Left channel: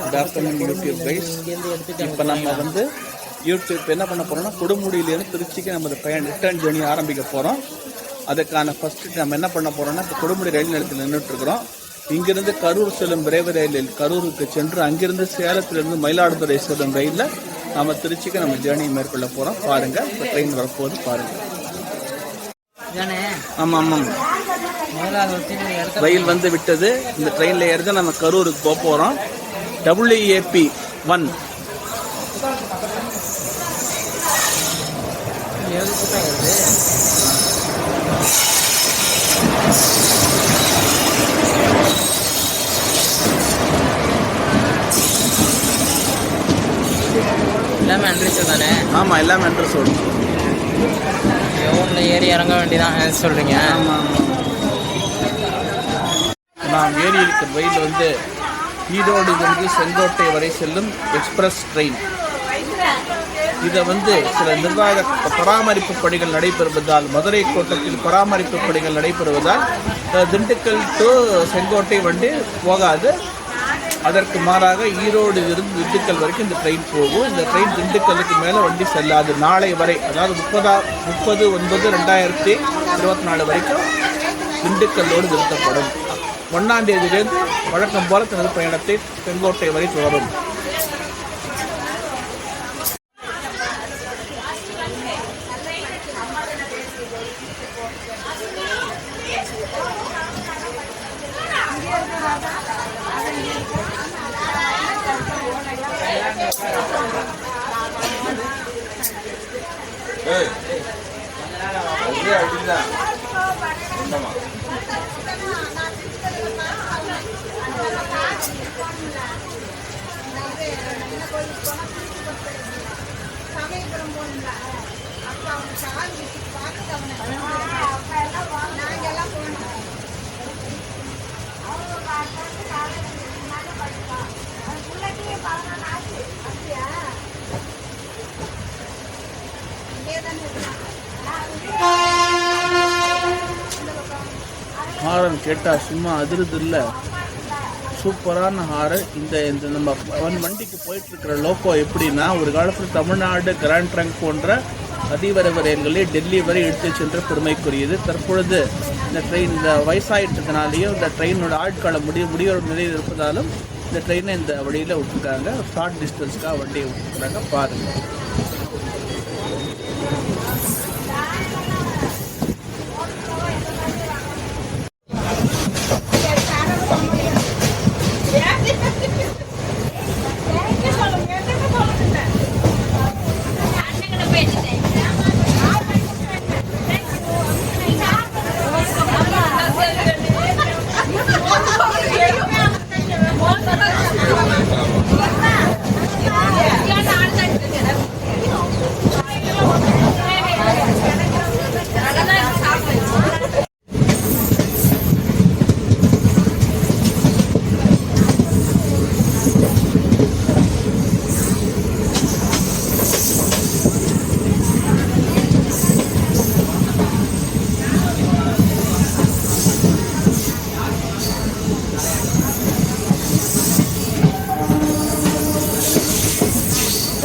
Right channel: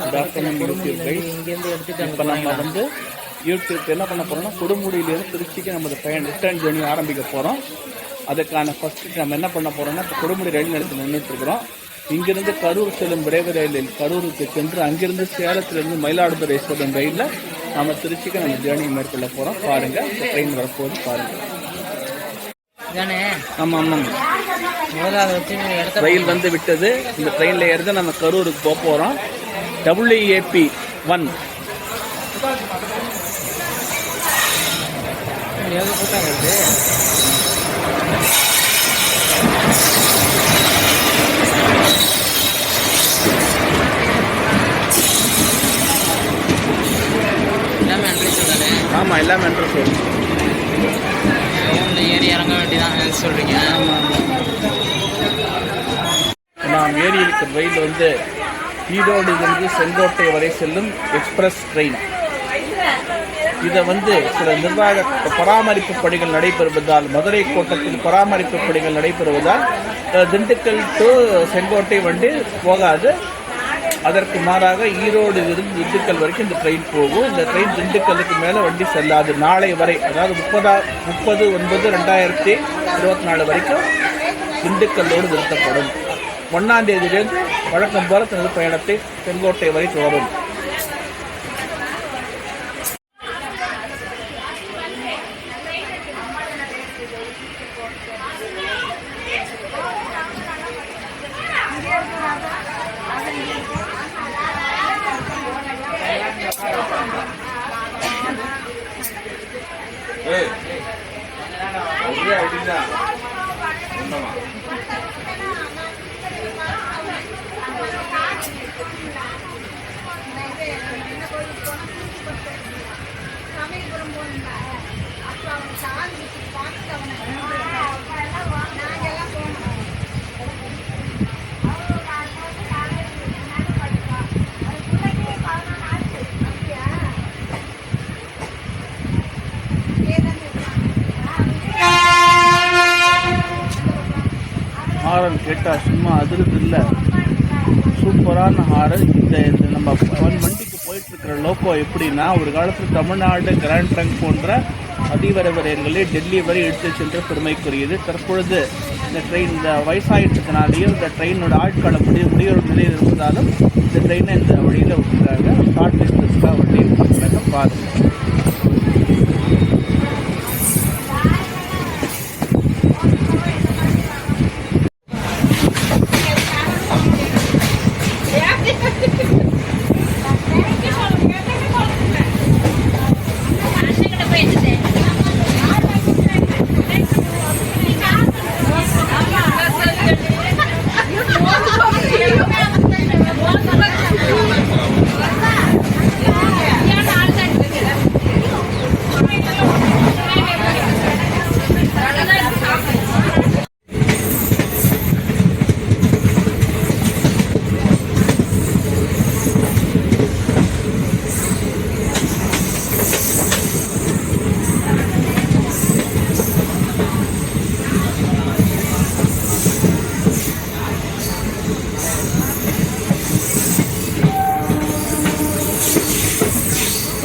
Good afternoon YouTube guys. இப்போ நம்ம வந்து யூடியூப் என்ன பண்ண போகிறோம்னா, கொடுமுடியிலேருந்து திருச்சிக்கு நம்ம பயணம் ரிட்டர்ன் ஜேர்னி ஆரம்பிக்க போகிறோம். அதுக்கான ஃபஸ்ட்டு நம்ம என்ன பண்ண போகிறோம்னா, இப்போ கொடுமுடி ரயில் நிலையத்தில் நின்றுட்டுருக்குறோம். இங்கிருந்து கரூர் செல்லும் விரைவு ரயிலில் கரூருக்கு சென்று அங்கிருந்து சேலத்திலிருந்து மயிலாடுதுறை செல்லும் ரயிலில் நம்ம திருச்சிக்கு நம்ம ஜேர்னி மேற்கொள்ள போகிறோம். பாருங்கள், இப்போ ட்ரெயின் வரப்போகுது பாருங்கள். ஆமாம் ஆமாம், ரயில் வந்து விட்டது. இந்த ட்ரெயினில் ஏறிதான் நம்ம கரூருக்கு போக போகிறோம். WAP1 ஆமாம், எல்லாமே அட்ரஸ் வரும். ஏறி இறங்க வேண்டியதான் சொல்கிறீங்க? ஆமாம் ஆமாம். நாம் ஏறி இருக்கிற ரயில் வந்து ஈரோடிலிருந்து செங்கோட்டை வரை செல்லும் எக்ஸ்பிரஸ் ட்ரெயின். இதை வந்து சில நிர்வாக பராமரிப்பு பணிகள் நடைபெறுவதால், மதுரை கோட்டத்தில் பராமரிப்பு பணிகள் நடைபெறுவதால் திண்டுக்கல் டு செங்கோட்டை வண்டி போகாது. அதற்கு மாறாக ஈரோடிலிருந்து திண்டுக்கல் வரைக்கும் இந்த ட்ரெயின் போகும். இந்த ட்ரெயின் திண்டுக்கலுக்கு மேலே வண்டி செல்லாது. நாளை வரை, அதாவது 30/9/2024 வரைக்கும் திண்டுக்கல்லோடு நிறுத்தப்படும். 1ஆம் தேதியிலிருந்து வழக்கம் போல தனது பயணத்தை செங்கோட்டை வரை தொடரும். ஹாரன் கேட்டால் சும்மா அதிருது இல்லை, சூப்பரான ஹாரன். இந்த நம்ம வண்டிக்கு போயிட்டுருக்கிற லோக்கோ எப்படின்னா, ஒரு காலத்தில் தமிழ்நாடு கிராண்ட் ட்ரங்க் போன்ற அதிவிரைவு ரயில்களை டெல்லி வரை எடுத்து சென்ற பெருமைக்குரியது. தற்பொழுது இந்த ட்ரெயின் இந்த வயசாயிட்டதுனாலேயும் இந்த ட்ரெயினோட ஆட்கால முடிவு நிலையில் இருப்பதாலும் இந்த ட்ரெயினை இந்த வழியில் விட்டுருக்காங்க. ஷார்ட் டிஸ்டன்ஸ்க்காக வண்டியை விட்டுருக்காங்க. பாருங்கள்.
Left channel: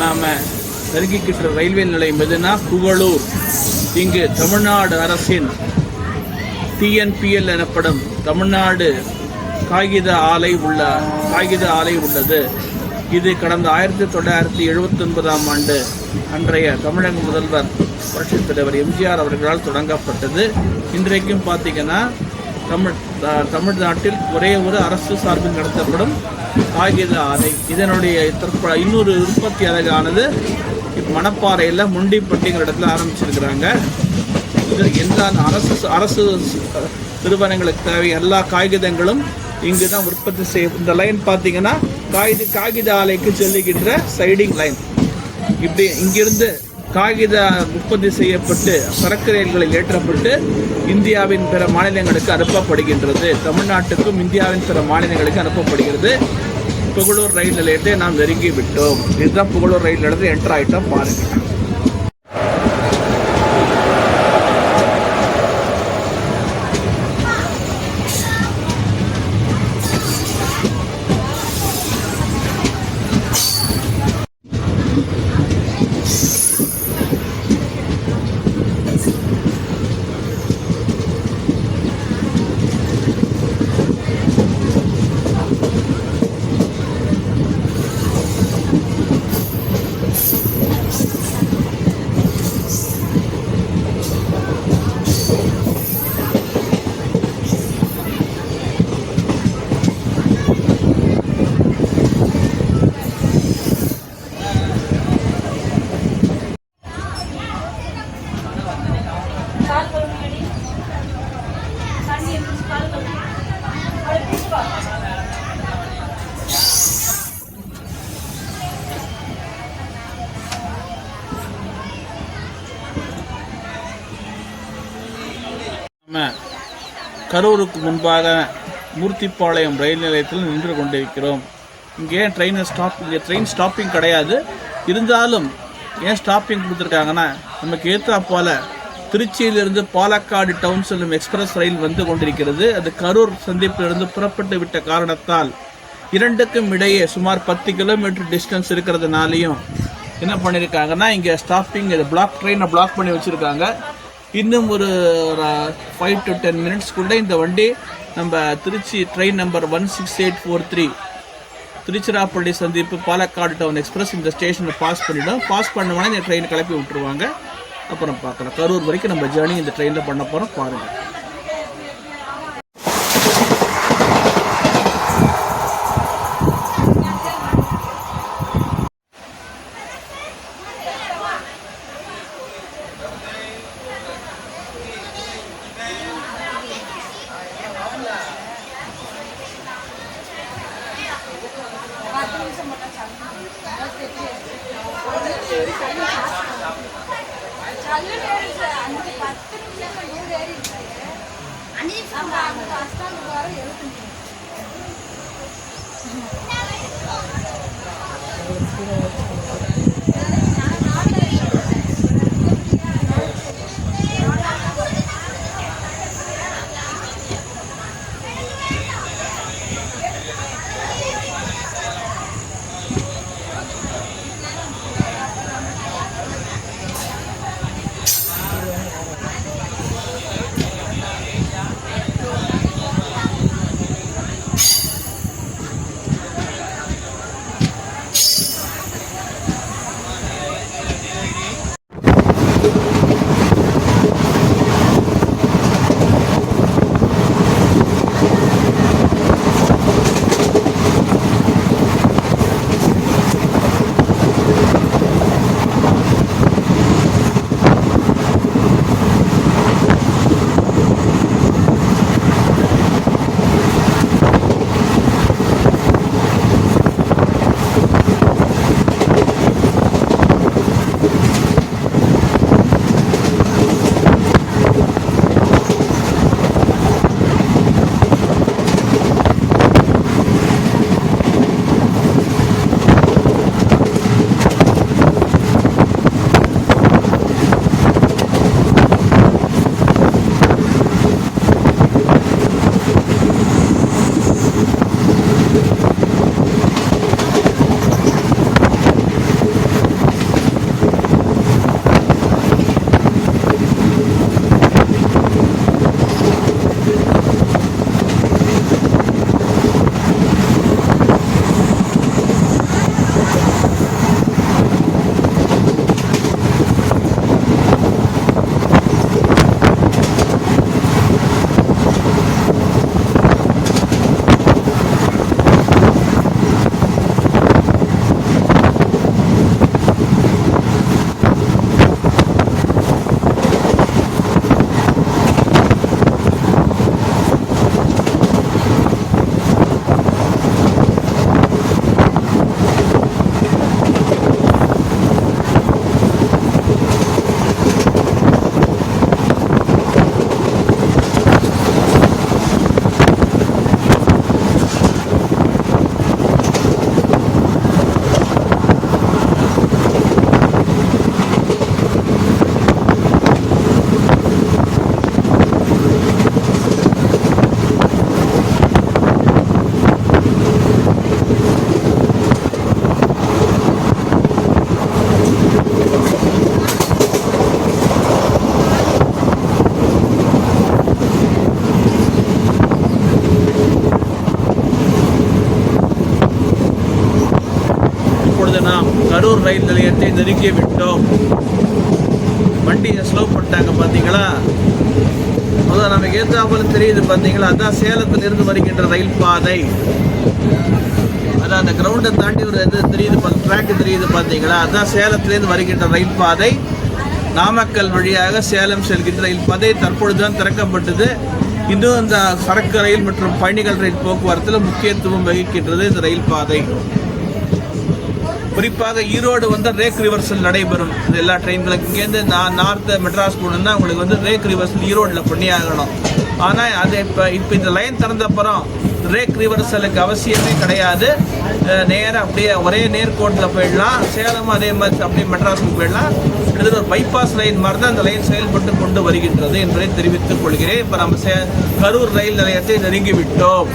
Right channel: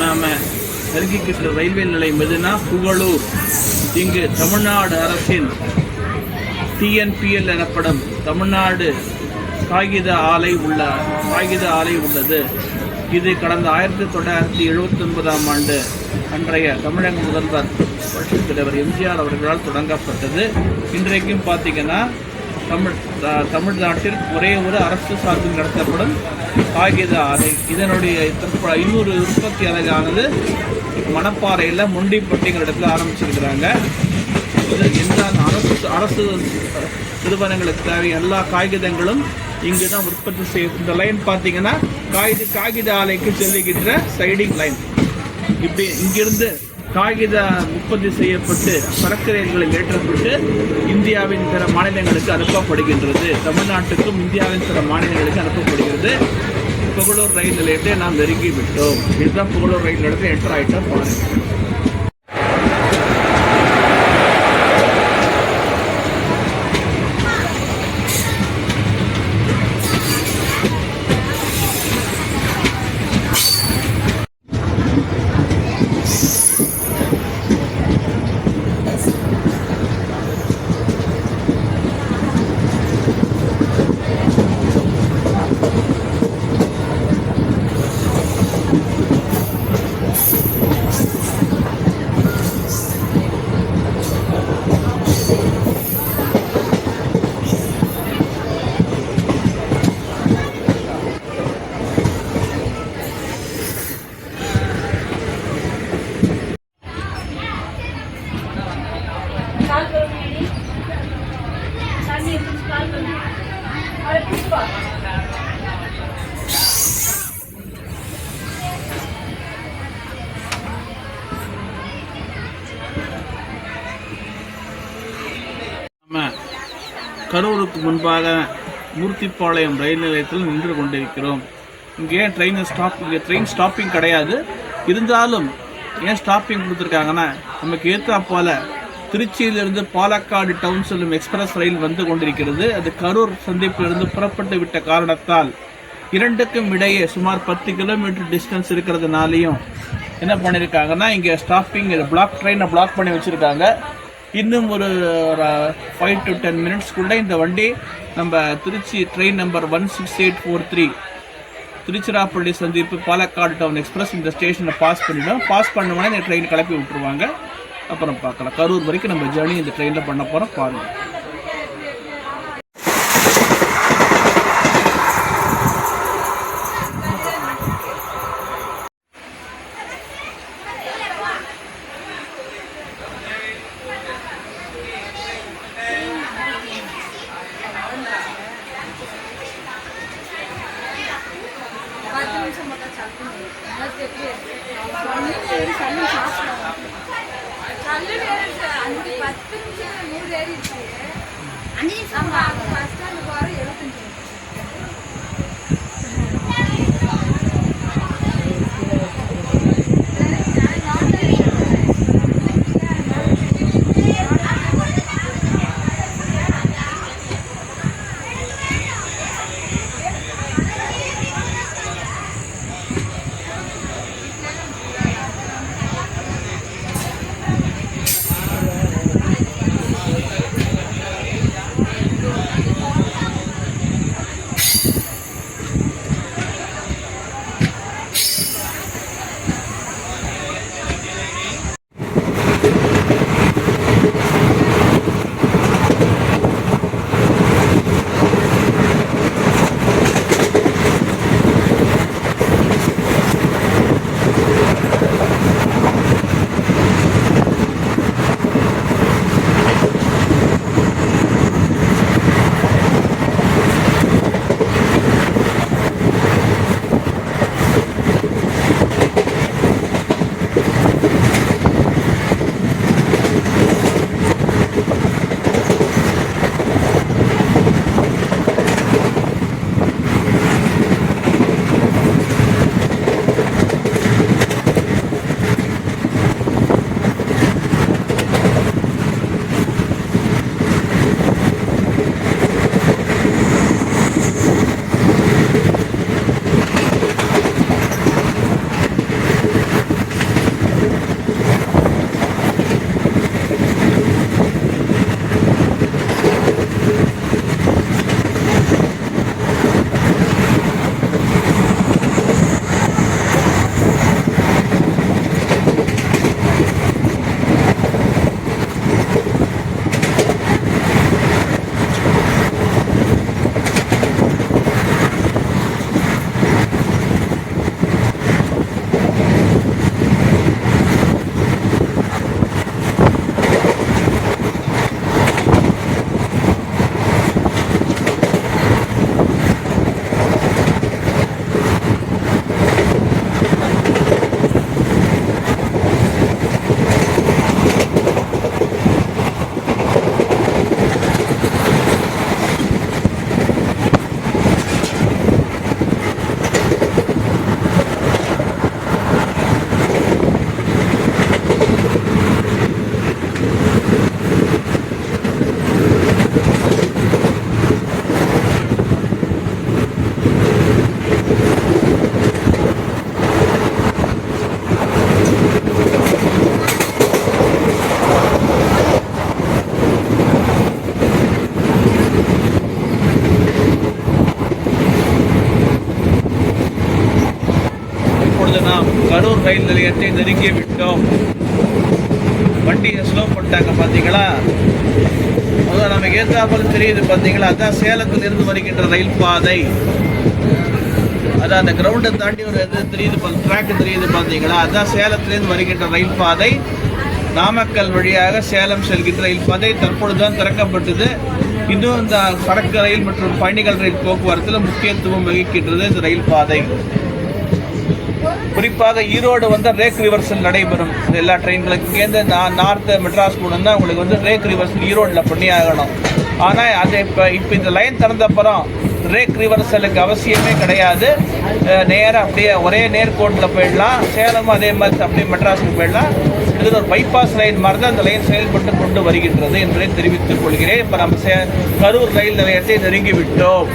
நாம நெருங்கிக்கிட்ட ரயில்வே நிலையம் எதுனா புகழூர். இங்கு தமிழ்நாடு அரசின் TNPL எனப்படும் தமிழ்நாடு காகித ஆலை உள்ளது. இது கடந்த 1979ஆம் ஆண்டு அன்றைய தமிழக முதல்வர் புரட்சித் தலைவர் எம்ஜிஆர் அவர்களால் தொடங்கப்பட்டது. இன்றைக்கும் பார்த்தீங்கன்னா தமிழ்நாட்டில் ஒரே ஒரு அரசு சார்பில் நடத்தப்படும் காகித ஆலை. இதனுடைய இன்னொரு உற்பத்தி அலகானது மணப்பாறையில் முண்டிப்பட்டிங்கிற இடத்துல ஆரம்பிச்சிருக்கிறாங்க. இது எல்லா அரசு நிறுவனங்களுக்கு தேவை எல்லா காகிதங்களும் இங்கு தான் உற்பத்தி செய்ய. இந்த லைன் பார்த்தீங்கன்னா காகித ஆலைக்கு செல்லுகின்ற சைடிங் லைன். இப்படி இங்கிருந்து காகித உற்பத்தி செய்யப்பட்டு சரக்கு ரயில்களில் ஏற்றப்பட்டு இந்தியாவின் பிற மாநிலங்களுக்கு அனுப்பப்படுகின்றது. தமிழ்நாட்டுக்கும் இந்தியாவின் பிற மாநிலங்களுக்கு அனுப்பப்படுகிறது. புகழூர் ரயில் நிலையத்தை நாம் நெருங்கி விட்டோம். இதுதான் புகழூர் ரயில் நிலையத்தில் என்டர் ஆகிட்டோம். பாருங்கள். கரூருக்கு முன்பாக மூர்த்திப்பாளையம் ரயில் நிலையத்தில் நின்று கொண்டிருக்கிறோம். இங்கே ட்ரெயின் ஸ்டாப்பிங் கிடையாது. இருந்தாலும் ஏன் ஸ்டாப்பிங் கொடுத்துருக்காங்கன்னா, நமக்கு ஏற்றாப்போல திருச்சியிலிருந்து பாலக்காடு டவுன் செல்லும் எக்ஸ்பிரஸ் ரயில் வந்து கொண்டிருக்கிறது. அது கரூர் சந்திப்பிலிருந்து புறப்பட்டு விட்ட காரணத்தால் இரண்டுக்கும் இடையே சுமார் 10 கிலோமீட்டர் டிஸ்டன்ஸ் இருக்கிறதுனாலையும் என்ன பண்ணியிருக்காங்கன்னா, இங்கே ஸ்டாப்பிங் ட்ரெயினை பிளாக் பண்ணி வச்சுருக்காங்க. இன்னும் ஒரு 5 to 10 மினிட்ஸ்க்குள்ளே இந்த வண்டி நம்ம திருச்சி ட்ரெயின் நம்பர் 16843 திருச்சிராப்பள்ளி சந்திப்பு பாலக்காடு டவுன் எக்ஸ்பிரஸ் இந்த ஸ்டேஷனை பாஸ் பண்ணிவிடும். பாஸ் பண்ணோன்னா இந்த ட்ரெயின் கிளப்பி விட்டுருவாங்க. அப்புறம் பார்க்கலாம். கரூர் வரைக்கும் நம்ம ஜேர்னி இந்த ட்ரெயினில் பண்ண போகிறோம். பாருங்கள். கரூர் ரயில் நிலையத்தை நெருங்கி விட்டோம். வண்டியை ஸ்லோ பண்ணிட்டாங்க பார்த்தீங்களா? அதான் நமக்கு ஏற்றாப்புல தெரியுது பார்த்தீங்களா? அதான் சேலத்திலிருந்து வருகின்ற ரயில் பாதை. அதான் அந்த கிரவுண்டை தாண்டி ஒரு இது தெரியுது, ட்ராக் தெரியுது பார்த்தீங்களா? அதான் சேலத்திலிருந்து வருகின்ற ரயில் பாதை. நாமக்கல் வழியாக சேலம் செல்கின்ற ரயில் பாதை தற்பொழுதுதான் திறக்கப்பட்டது. இன்னும் இந்த சரக்கு ரயில் மற்றும் பயணிகள் ரயில் போக்குவரத்தில் முக்கியத்துவம் வகிக்கின்றது இந்த ரயில் பாதை. குறிப்பாக ஈரோடு வந்து ரேக் ரிவர்சல் நடைபெறும் எல்லா ட்ரெயின்களுக்கும். இங்கேருந்து நார்த்து மெட்ராஸ் போகணுன்னா உங்களுக்கு வந்து ரேக் ரிவர்சல் ஈரோடில் பண்ணி ஆகணும். ஆனால் அது இப்போ இந்த லைன் திறந்தப்புறம் பிரேக் ரிவர்சலுக்கு அவசியமே கிடையாது. நேராக அப்படியே ஒரே நேர்கோட்டில் போயிடலாம். சேலமும் அதே மாதிரி அப்படியே மெட்ராஸுக்கு போயிடலாம். இது ஒரு பைபாஸ் லைன் மாதிரி தான் அந்த லைன் செயல்பட்டு கொண்டு வருகின்றது என்பதை தெரிவித்துக் கொள்கிறேன். இப்போ நம்ம கரூர் ரயில் நிலையத்தை நெருங்கி விட்டோம்.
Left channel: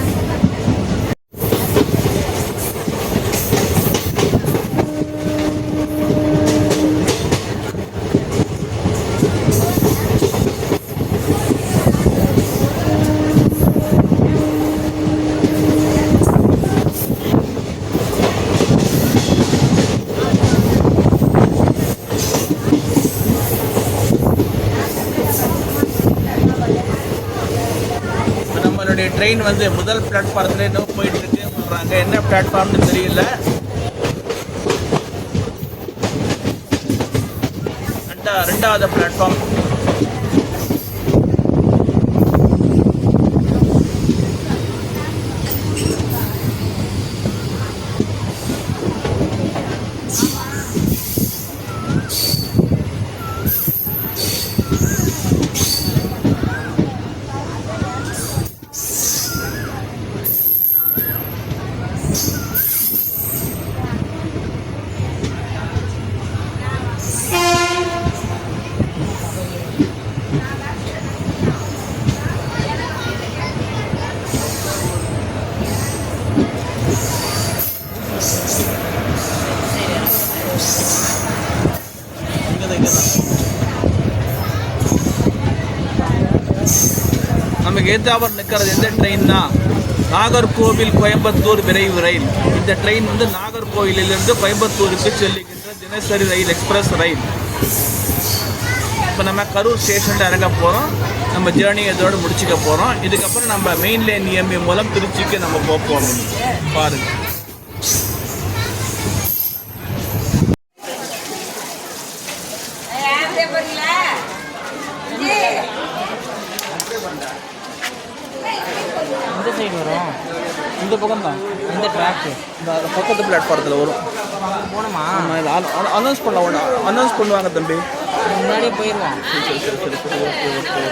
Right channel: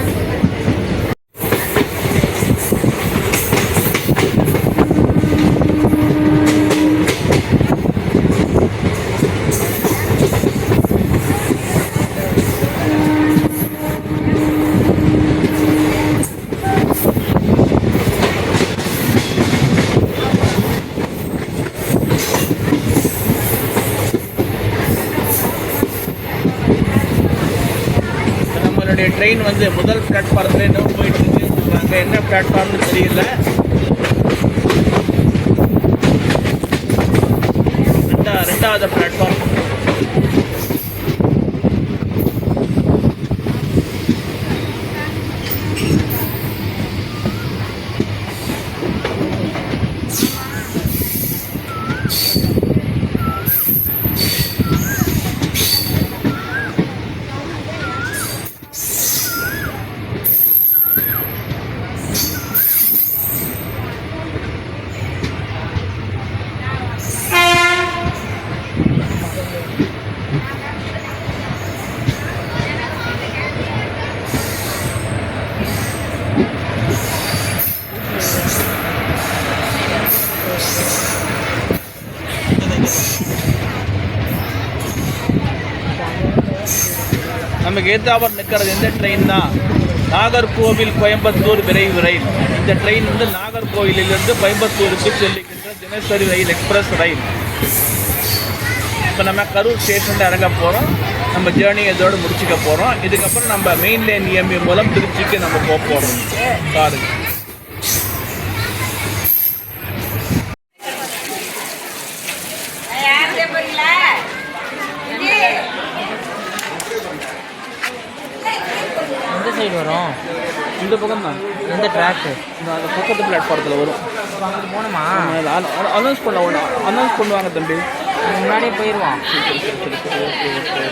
நம்மளுடைய ட்ரெயின் வந்து முதல் பிளாட்ஃபாரத்தில் இன்னும் போயிட்டு இருக்குன்னு சொல்கிறாங்க. என்ன பிளாட்ஃபார்ம்னு தெரியல. ரெண்டாவது பிளாட்ஃபார்ம். நமக்கு ஏத்தாவர் நிற்கிறது எந்த ட்ரெயின் தான்? நாகர்கோவில் கோயம்புத்தூர் விரைவு ரயில். இந்த ட்ரெயின் வந்து நாகர்கோவிலிருந்து கோயம்புத்தூருக்கு செல்லுகின்ற தினசரி ரயில், எக்ஸ்பிரஸ் ரயில். இப்போ நம்ம கரூர் ஸ்டேஷனில் இறங்க போகிறோம். நம்ம ஜேர்னி இதோடு முடிச்சுக்க போகிறோம். இதுக்கப்புறம் நம்ம மெயின் லைன் இஎம்ஐ மூலம் திருச்சிக்கு நம்ம போக போகிறோம். பாருங்கள். எந்த சைடு வரும்? இந்த பக்கம் தான். இந்த ட்ராக்கு அந்த பக்கத்து பிளாட்ஃபாரத்தில் வரும். போகணுமா? அனௌன்ஸ் பண்ணுவாங்க தம்பி. முன்னாடியே போயிடுவான். சரி. ஓகே.